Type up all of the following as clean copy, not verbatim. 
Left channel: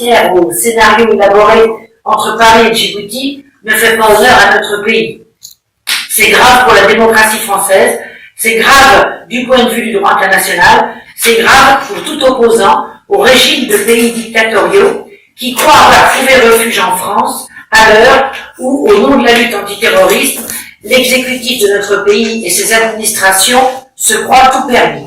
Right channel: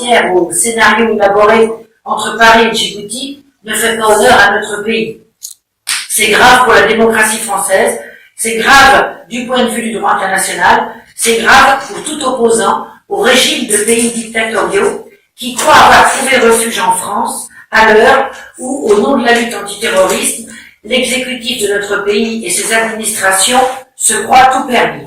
frontière au scénario élaboré entre Paris et Djibouti ne fait pas honneur à notre pays. C'est grave pour la démocratie française, c'est grave du point de vue du droit international, c'est grave pour tout opposant au régime de pays dictatoriaux qui croit avoir trouvé refuge en France à l'heure où, au nom de la lutte antiterroriste, l'exécutif de notre pays et ses administrations se croient tout permis.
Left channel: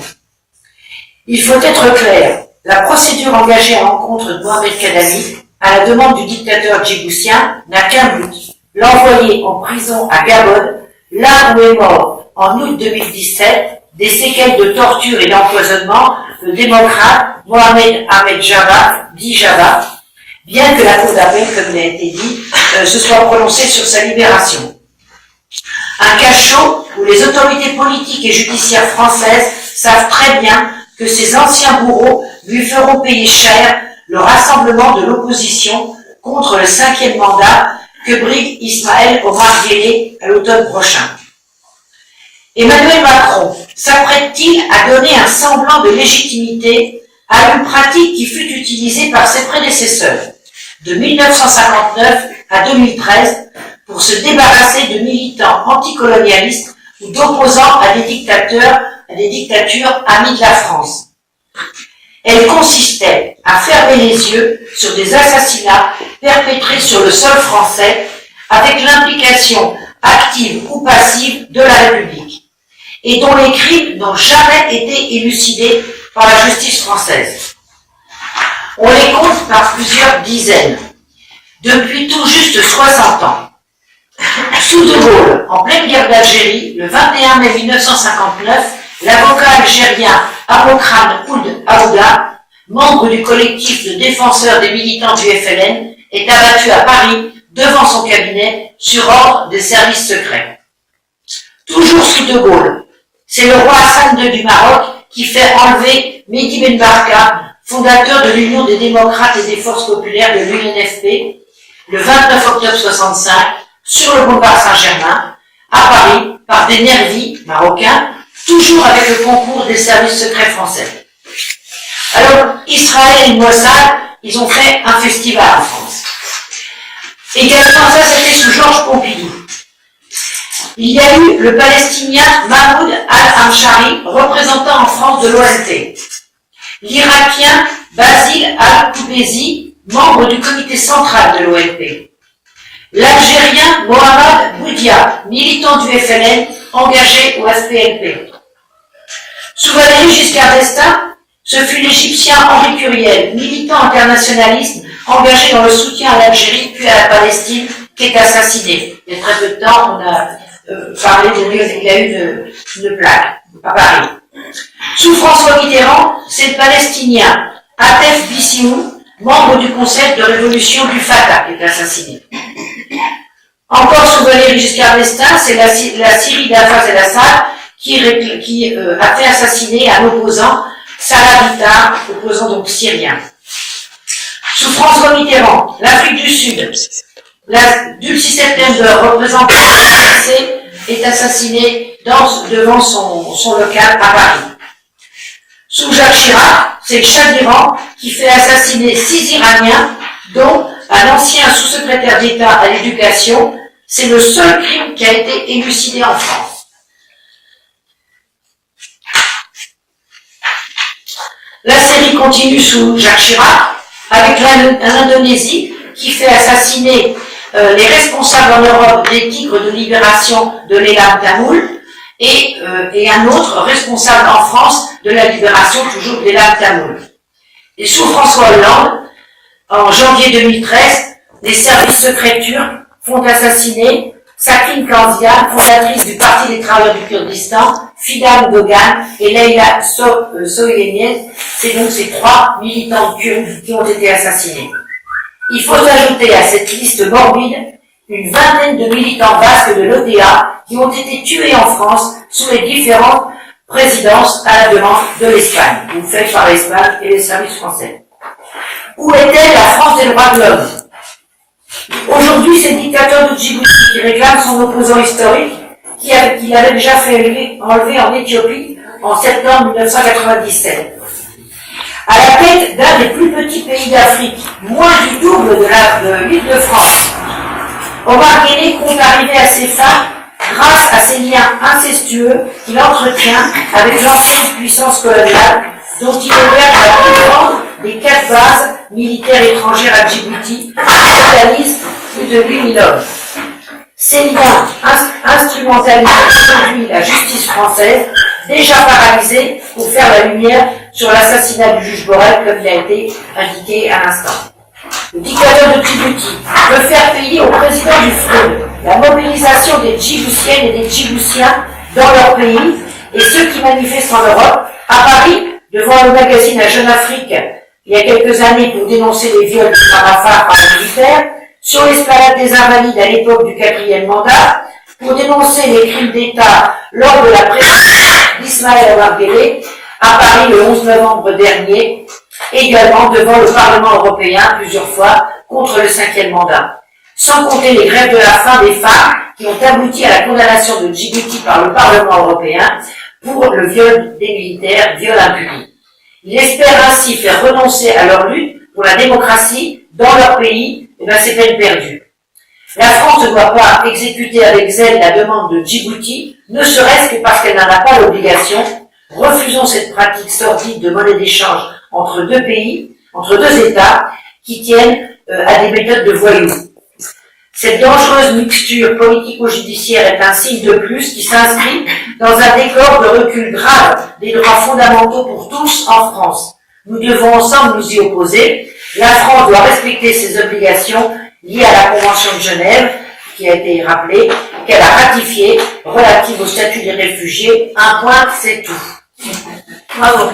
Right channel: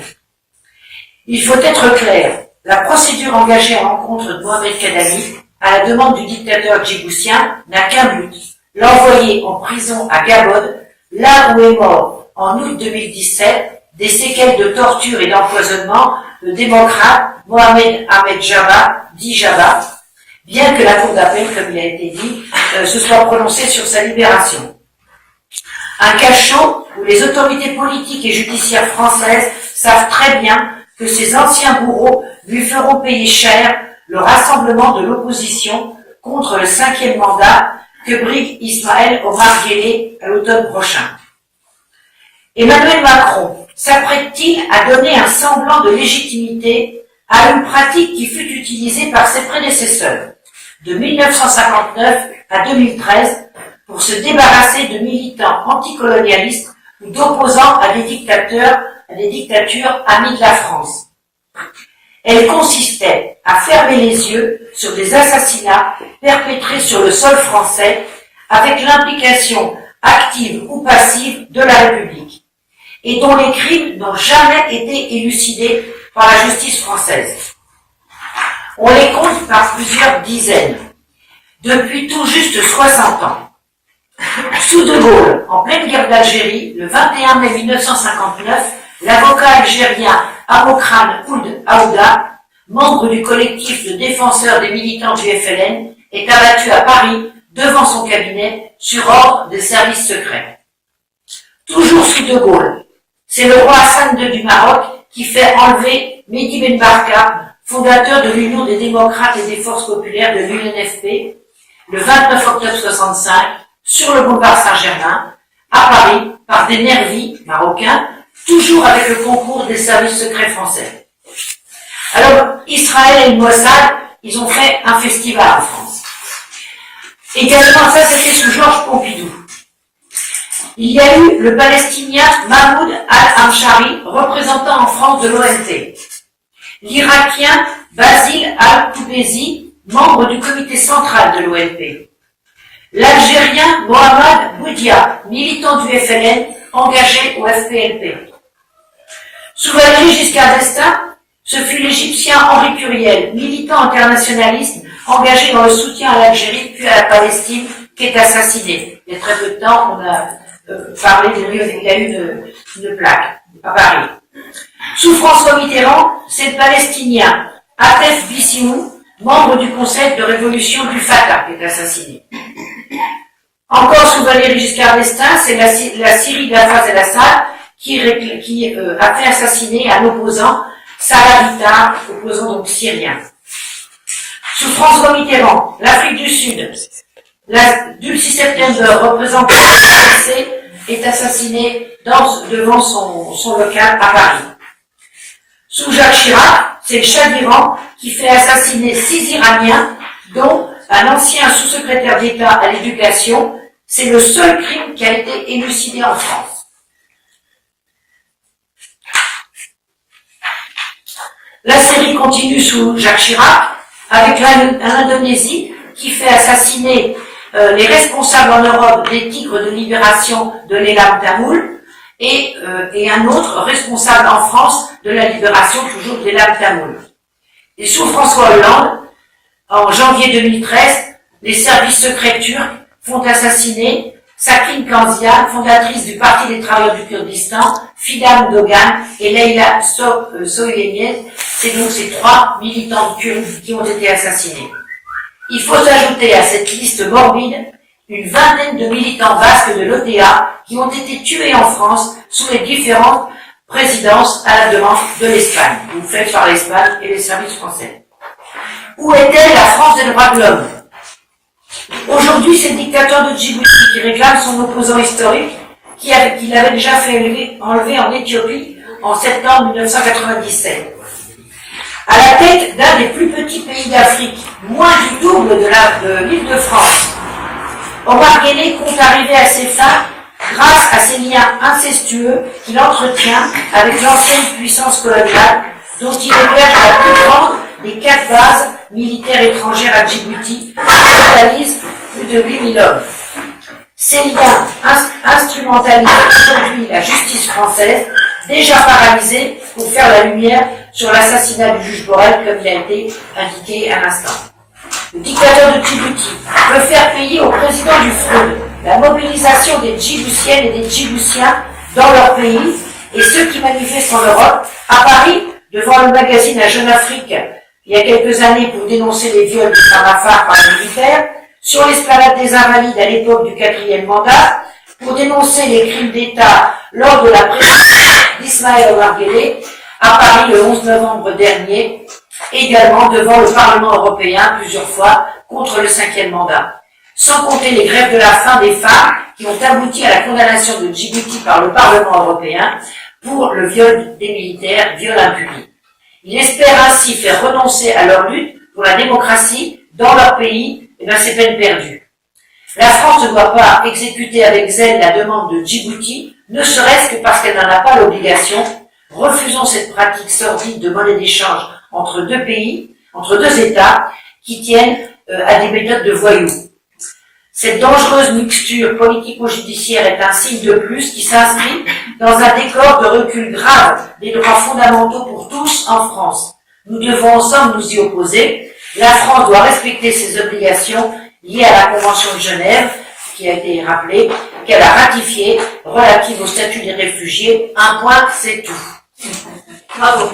Il faut être clair, la procédure engagée à l'encontre de Mohamed Kadhafi, à la demande du dictateur djiboutien, n'a qu'un but, l'envoyer en prison à Gabon, là où est mort en août 2017 des séquelles de torture et d'empoisonnement le démocrate Mohamed Ahmed Jabba, dit Jabba, bien que la cour d'appel, comme il a été dit, se soit prononcée sur sa libération. Un cachot où les autorités politiques et judiciaires françaises savent très bien que ces anciens bourreaux lui feront payer cher le rassemblement de l'opposition contre le 5e mandat que brigue Ismaël Omar Guelleh à l'automne prochain. Emmanuel Macron s'apprête-t-il à donner un semblant de légitimité à une pratique qui fut utilisée par ses prédécesseurs de 1959 à 2013 pour se débarrasser de militants anticolonialistes ou d'opposants à des dictatures amies de la France? Elle consistait à fermer les yeux sur des assassinats perpétrés sur le sol français avec l'implication active ou passive de la République et dont les crimes n'ont jamais été élucidés par la justice française. On les compte par plusieurs dizaines, depuis tout juste 60 ans. Sous De Gaulle, en pleine guerre d'Algérie, le 21 mai 1959, l'avocat algérien Abokran Ould Aouda, membre du collectif de défenseurs des militants du FLN, est abattu à Paris devant son cabinet sur ordre des services secrets. Toujours sous De Gaulle, c'est le roi Hassan II du Maroc qui fait enlever Mehdi Ben Barka, fondateur de l'Union des démocrates et des forces populaires de l'UNFP, le 29 octobre 65, sur le boulevard Saint-Germain, à Paris, par des nervis marocains, toujours avec le concours des services secrets français. Alors, Israël et le Mossad, ils ont fait un festival en France. Également, ça c'était sous Georges Pompidou. Il y a eu le Palestinien Mahmoud al-Amshari, représentant en France de l'ONT. L'Irakien Basile al-Koubezi, membre du comité central de l'ONP. L'Algérien Mohamed Boudia, militant du FLN, engagé au FPLP. Sous Valéry Giscard d'Estaing, ce fut l'Égyptien Henri Curiel, militant internationaliste, engagé dans le soutien à l'Algérie puis à la Palestine, qui est assassiné. Il y a très peu de temps, on a parlé de lui, il y a eu une plaque à Paris. Sous François Mitterrand, c'est le Palestinien Atef Bissimoun, membre du Conseil de révolution du Fatah, qui est assassiné. Encore sous Valéry Giscard d'Estaing, c'est la Syrie d'Hafez el-Assad qui a fait assassiner un opposant, Salah Bitar, opposant donc syrien. Sous François Mitterrand, l'Afrique du Sud, Dulcie September, représentant de l'ANC, est assassiné devant son local à Paris. Sous Jacques Chirac, c'est le Shah d'Iran qui fait assassiner 6 Iraniens, dont un ancien sous-secrétaire d'État à l'éducation. C'est le seul crime qui a été élucidé en France. La série continue sous Jacques Chirac, avec l'Indonésie qui fait assassiner les responsables en Europe des Tigres de libération de l'Elam Tamoul et un autre responsable en France de la libération toujours de l'Elam Tamoul. Et sous François Hollande, en janvier 2013, les services secrets turcs font assassiner Sakine Kanzian, fondatrice du Parti des travailleurs du Kurdistan, Fidan Dogan et Leyla Soyeniez. C'est donc ces 3 militants kurdes qui ont été assassinés. Il faut ajouter à cette liste morbide une vingtaine de militants basques de l'OTA qui ont été tués en France sous les différentes présidences à la demande de l'Espagne, ou faites par l'Espagne et les services français. Où était la France des droits de l'homme? Aujourd'hui, c'est le dictateur de Djibouti qui réclame son opposant historique, qu'il avait déjà fait enlever en Éthiopie en septembre 1997. à la tête d'un des plus petits pays d'Afrique, moins du double de l'Île-de-France. Omar Guelleh compte arriver à ses fins grâce à ses liens incestueux qu'il entretient avec l'ancienne puissance coloniale, dont il héberge la plus grande des 4 bases militaires étrangères à Djibouti, qui totalise plus de 8000 hommes. Ces liens instrumentalisent aujourd'hui la justice française, déjà paralysée pour faire la lumière sur l'assassinat du juge Borel, comme il a été indiqué à l'instant. Le dictateur de Djibouti veut faire payer au président du FROUD la mobilisation des Djiboutiennes et des Djiboutiens dans leur pays, et ceux qui manifestent en Europe, à Paris, devant le magazine La Jeune Afrique, il y a quelques années pour dénoncer les viols du Samafar par les militaires, sur l'esplanade des Invalides à l'époque du 4e mandat, pour dénoncer les crimes d'État lors de la présidence d'Ismaël Omar Guelleh, à Paris le 11 novembre dernier, également devant le Parlement européen plusieurs fois contre le 5e mandat. Sans compter les grèves de la faim des femmes qui ont abouti à la condamnation de Djibouti par le Parlement européen pour le viol des militaires, viol impuni. Ils espèrent ainsi faire renoncer à leur lutte pour la démocratie dans leur pays, et bien c'est peine perdue. La France ne doit pas exécuter avec zèle la demande de Djibouti, ne serait-ce que parce qu'elle n'en a pas l'obligation. Refusons cette pratique sordide de monnaie d'échange entre 2 pays, entre 2 États, qui tiennent à des méthodes de voyous. Cette dangereuse mixture politico-judiciaire est un signe de plus qui s'inscrit dans un décor de recul grave des droits fondamentaux pour tous en France. Nous devons ensemble nous y opposer. La France doit respecter ses obligations liées à la Convention de Genève, qui a été rappelée, qu'elle a ratifiée, relative au statut des réfugiés. Un point, c'est tout. Bravo.